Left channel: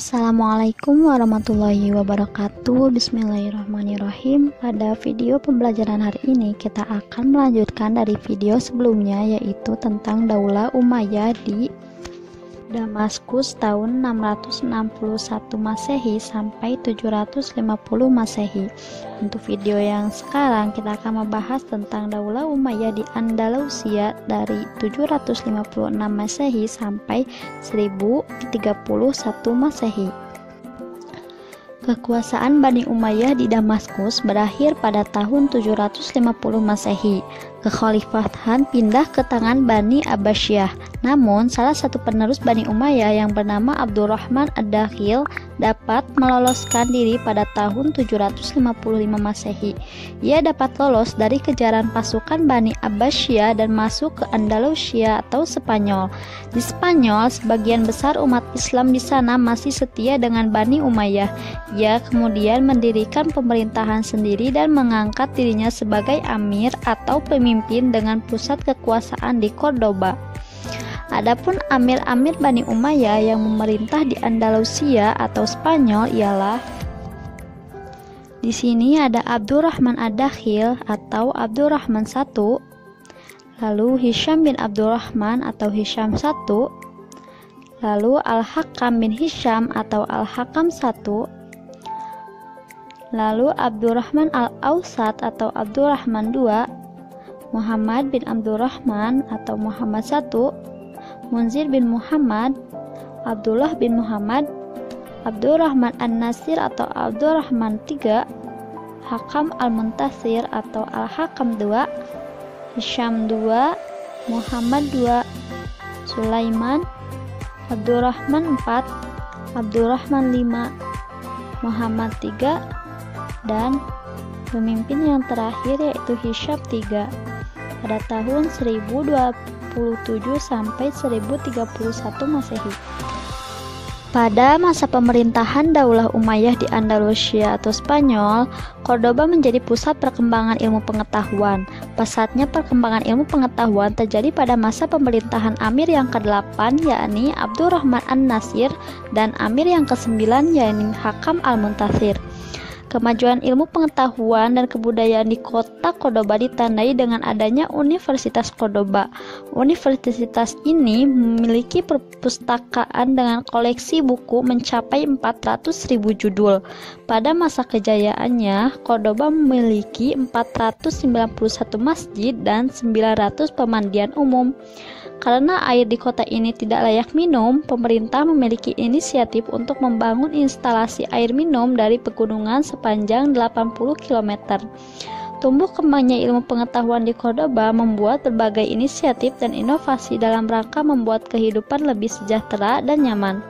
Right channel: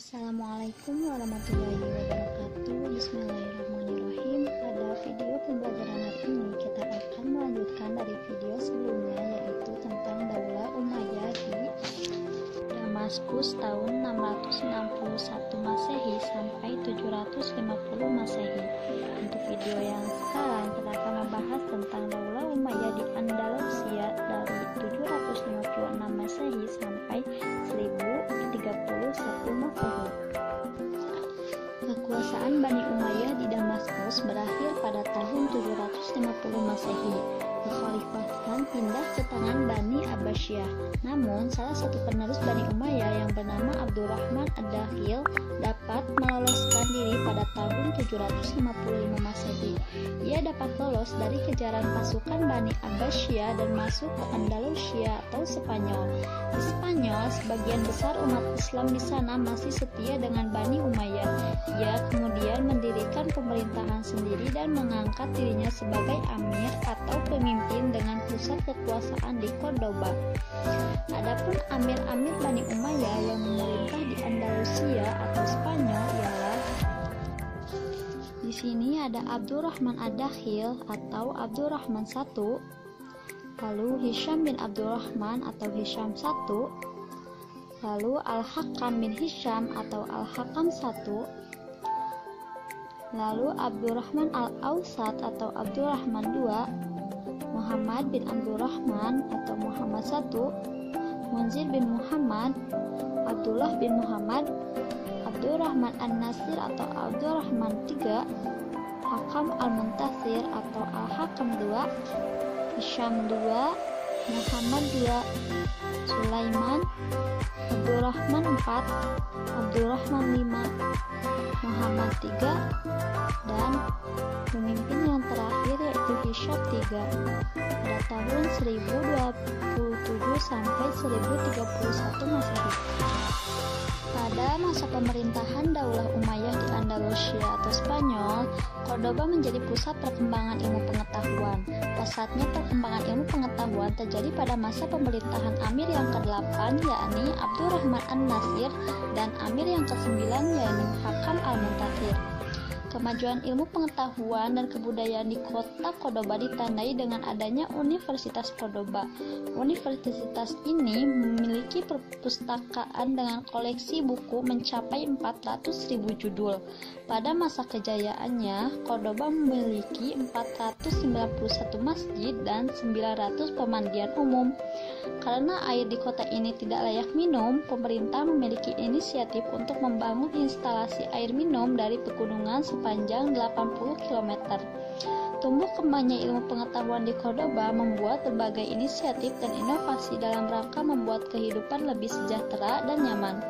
Assalamualaikum warahmatullahi wabarakatuh. Bismillahirrahmanirrahim. Pada video pembelajaran hari ini kita akan melanjutkan dari video sebelumnya, yaitu tentang Daulah Umayyah di Damaskus tahun 661 Masehi sampai 750 Masehi. Untuk video yang sekarang kita akan membahas tentang Daulah Umayyah di Andalusia dari 756 Masehi sampai 1031 Masehi. Kekuasaan Bani Umayyah di Damaskus berakhir pada tahun 750 Masehi. Kekhalifahan pindah ke tangan Bani Abbasiyah. Namun, salah satu penerus Bani Umayyah yang bernama Abdurrahman Ad-Dakhil dapat meloloskan diri pada tahun 755 Masehi. Ia dapat lolos dari kejaran pasukan Bani Abbasiyah dan masuk ke Andalusia atau Spanyol. Di Spanyol, sebagian besar umat Islam di sana masih setia dengan Bani Umayyah. Ia kemudian mendirikan pemerintahan sendiri dan mengangkat dirinya sebagai amir atau pemimpin dengan pusat kekuasaan di Cordoba. Adapun amir-amir Bani Umayyah yang memerintah di Andalusia atau Spanyol ialah di sini ada Abdurrahman Ad-Dakhil atau Abdurrahman I, lalu Hisham bin Abdurrahman atau Hisham I, lalu Al-Hakam bin Hisham atau Al-Hakam I, lalu Abdurrahman Al-Awsat atau Abdurrahman II, Muhammad bin Abdurrahman atau Muhammad I, Munzir bin Muhammad, Abdullah bin Muhammad, Abdurrahman An-Nasir atau Abdurrahman III, Hakam Al-Muntasir atau Al-Hakam II, Hisham II, Muhammad II, Sulaiman, Abdurrahman IV, Abdurrahman V, Muhammad III, dan pemimpin yang terakhir yaitu Hisham III pada tahun 1027 sampai 1031 Masehi. Pada masa pemerintahan Daulah Umayyah di Andalusia atau Spanyol, Cordoba menjadi pusat perkembangan ilmu pengetahuan. Pesatnya perkembangan ilmu pengetahuan terjadi pada masa pemerintahan Amir yang ke-8 yakni Abdurrahman An-Nasir dan Amir yang ke-9 yakni Hakam Al-Muntasir. Kemajuan ilmu pengetahuan dan kebudayaan di kota Cordoba ditandai dengan adanya Universitas Cordoba. Universitas ini memiliki perpustakaan dengan koleksi buku mencapai 400.000 judul. Pada masa kejayaannya, Cordoba memiliki 491 masjid dan 900 pemandian umum. Karena air di kota ini tidak layak minum, pemerintah memiliki inisiatif untuk membangun instalasi air minum dari pegunungan sepanjang 80 km. Tumbuh kembangnya ilmu pengetahuan di Cordoba membuat berbagai inisiatif dan inovasi dalam rangka membuat kehidupan lebih sejahtera dan nyaman.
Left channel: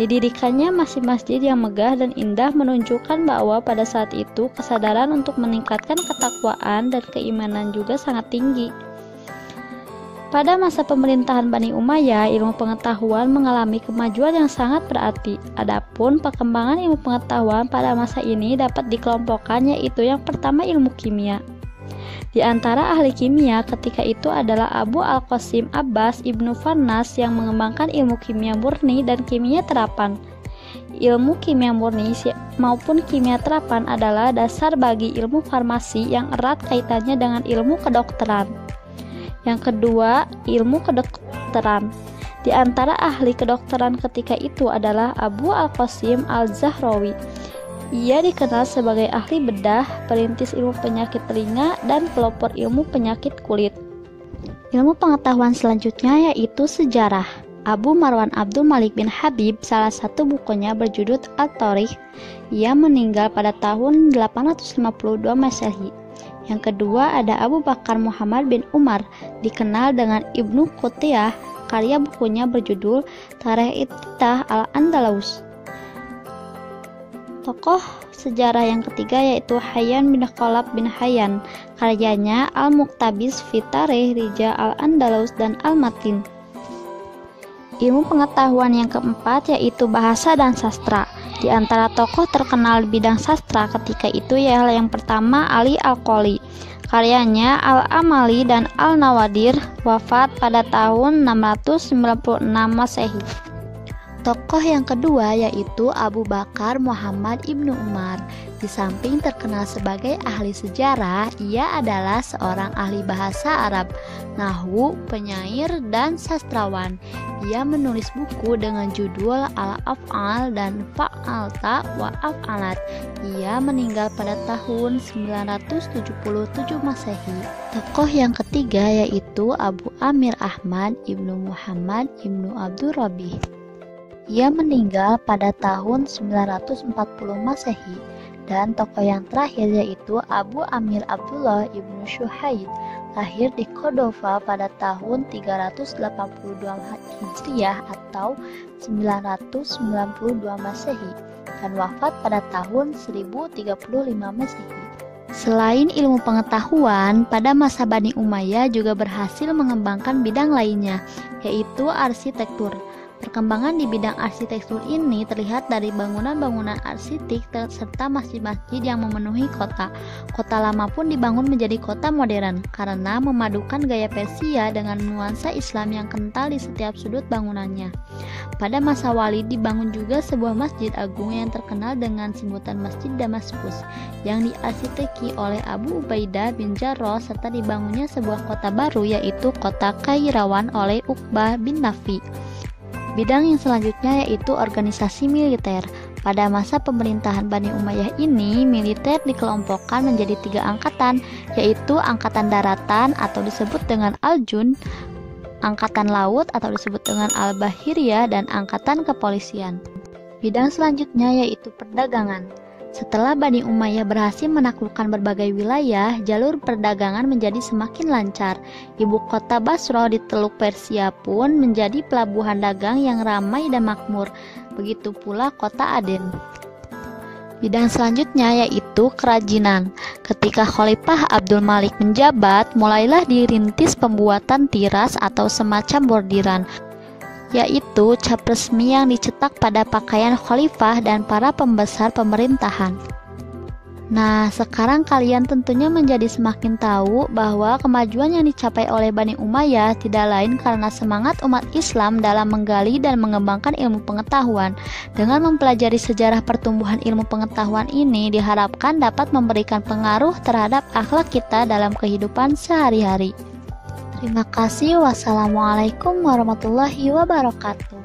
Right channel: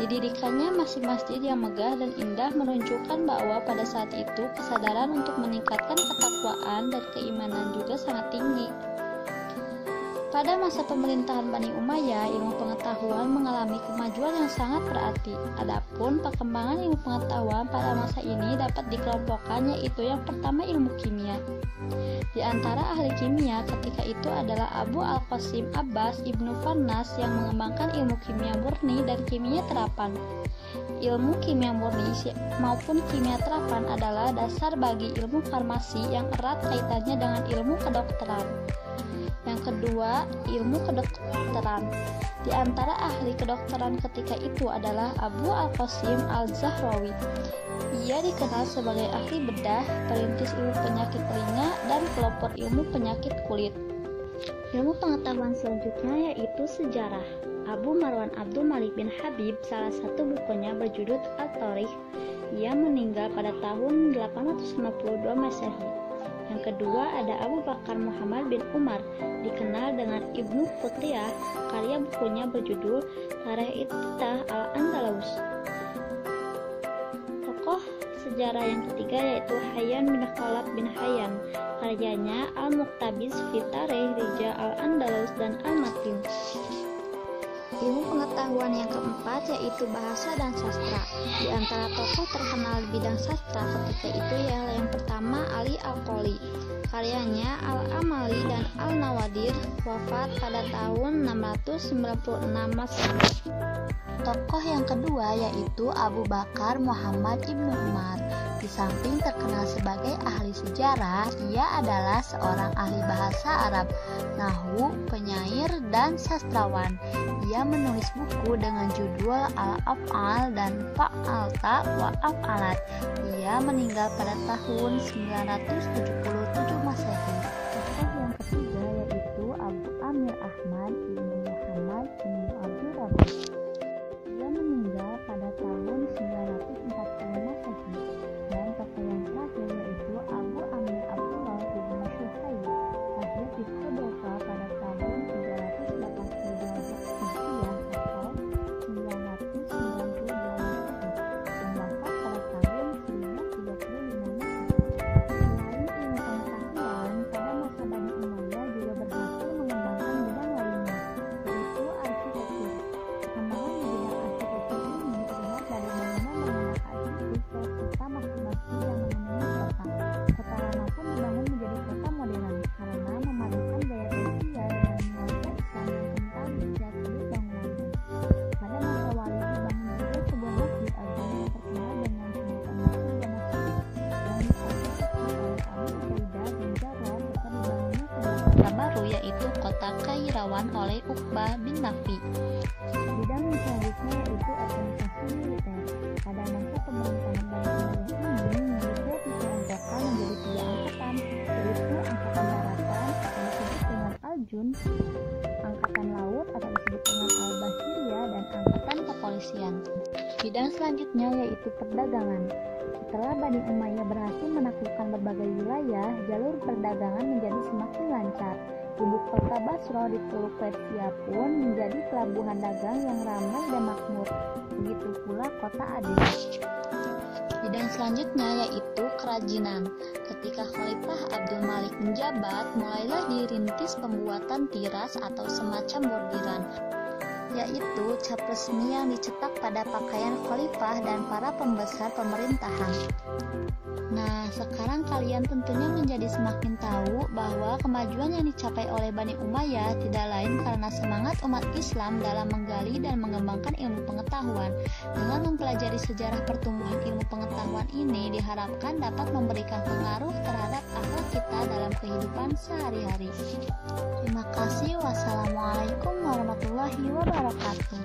Didirikannya masjid-masjid yang megah dan indah menunjukkan bahwa pada saat itu kesadaran untuk meningkatkan ketakwaan dan keimanan juga sangat tinggi. Pada masa pemerintahan Bani Umayyah, ilmu pengetahuan mengalami kemajuan yang sangat berarti. Adapun perkembangan ilmu pengetahuan pada masa ini dapat dikelompokkan, yaitu yang pertama ilmu kimia. Di antara ahli kimia ketika itu adalah Abu Al-Qasim Abbas Ibnu Farnas yang mengembangkan ilmu kimia murni dan kimia terapan. Ilmu kimia murni maupun kimia terapan adalah dasar bagi ilmu farmasi yang erat kaitannya dengan ilmu kedokteran. Yang kedua, ilmu kedokteran. Di antara ahli kedokteran ketika itu adalah Abu Al-Qasim Al-Zahrawi. Ia dikenal sebagai ahli bedah, perintis ilmu penyakit telinga, dan pelopor ilmu penyakit kulit. Ilmu pengetahuan selanjutnya yaitu sejarah. Abu Marwan Abdul Malik bin Habib, salah satu bukunya berjudul At-Tarikh. Ia meninggal pada tahun 852 Masehi. Yang kedua ada Abu Bakar Muhammad bin Umar, dikenal dengan Ibnu Qutiyah. Karya bukunya berjudul Tarikh Ittah al-Andalus. Tokoh sejarah yang ketiga yaitu Hayyan bin Khalaf bin Hayyan. Karyanya Al-Muqtabis fi Tarikh Rijal al-Andalus dan Al-Matin. Ilmu pengetahuan yang keempat yaitu bahasa dan sastra. Di antara tokoh terkenal di bidang sastra ketika itu ialah yang pertama Ali Al-Qoli. Karyanya Al-Amali dan Al-Nawadir, wafat pada tahun 696 Masehi. Tokoh yang kedua yaitu Abu Bakar Muhammad Ibnu Umar. Di samping terkenal sebagai ahli sejarah, ia adalah seorang ahli bahasa Arab, nahwu, penyair, dan sastrawan. Ia menulis buku dengan judul Al-Af'al dan Fa'alta wa Af'alat. Ia meninggal pada tahun 977 Masehi. Tokoh yang ketiga yaitu Abu Amir Ahmad Ibnu Muhammad Ibnu Abdul Rabi. Ia meninggal pada tahun 940 Masehi. Dan tokoh yang terakhir yaitu Abu Amir Abdullah Ibnu Syuhaid, lahir di Cordova pada tahun 382 Hijriah atau 992 Masehi dan wafat pada tahun 1035 Masehi. Selain ilmu pengetahuan, pada masa Bani Umayyah juga berhasil mengembangkan bidang lainnya, yaitu arsitektur. Perkembangan di bidang arsitektur ini terlihat dari bangunan-bangunan arsitek serta masjid-masjid yang memenuhi kota. Kota lama pun dibangun menjadi kota modern karena memadukan gaya Persia dengan nuansa Islam yang kental di setiap sudut bangunannya. Pada masa Walid dibangun juga sebuah masjid agung yang terkenal dengan sebutan Masjid Damaskus yang diarsiteki oleh Abu Ubaidah bin Jarrah, serta dibangunnya sebuah kota baru yaitu kota Kairawan oleh Uqbah bin Nafi. Bidang yang selanjutnya yaitu organisasi militer. Pada masa pemerintahan Bani Umayyah ini, militer dikelompokkan menjadi 3 angkatan, yaitu Angkatan Daratan atau disebut dengan Al-Jund, Angkatan Laut atau disebut dengan Al-Bahiriyah, dan Angkatan Kepolisian. Bidang selanjutnya yaitu perdagangan. Setelah Bani Umayyah berhasil menaklukkan berbagai wilayah, jalur perdagangan menjadi semakin lancar. Ibu kota Basra di Teluk Persia pun menjadi pelabuhan dagang yang ramai dan makmur. Begitu pula kota Aden. Bidang selanjutnya yaitu kerajinan. Ketika Khalifah Abdul Malik menjabat, mulailah dirintis pembuatan tiras atau semacam bordiran, yaitu cap resmi yang dicetak pada pakaian khalifah dan para pembesar pemerintahan. Nah, sekarang kalian tentunya menjadi semakin tahu bahwa kemajuan yang dicapai oleh Bani Umayyah tidak lain karena semangat umat Islam dalam menggali dan mengembangkan ilmu pengetahuan. Dengan mempelajari sejarah pertumbuhan ilmu pengetahuan ini diharapkan dapat memberikan pengaruh terhadap akhlak kita dalam kehidupan sehari-hari. Terima kasih. Wassalamualaikum warahmatullahi wabarakatuh.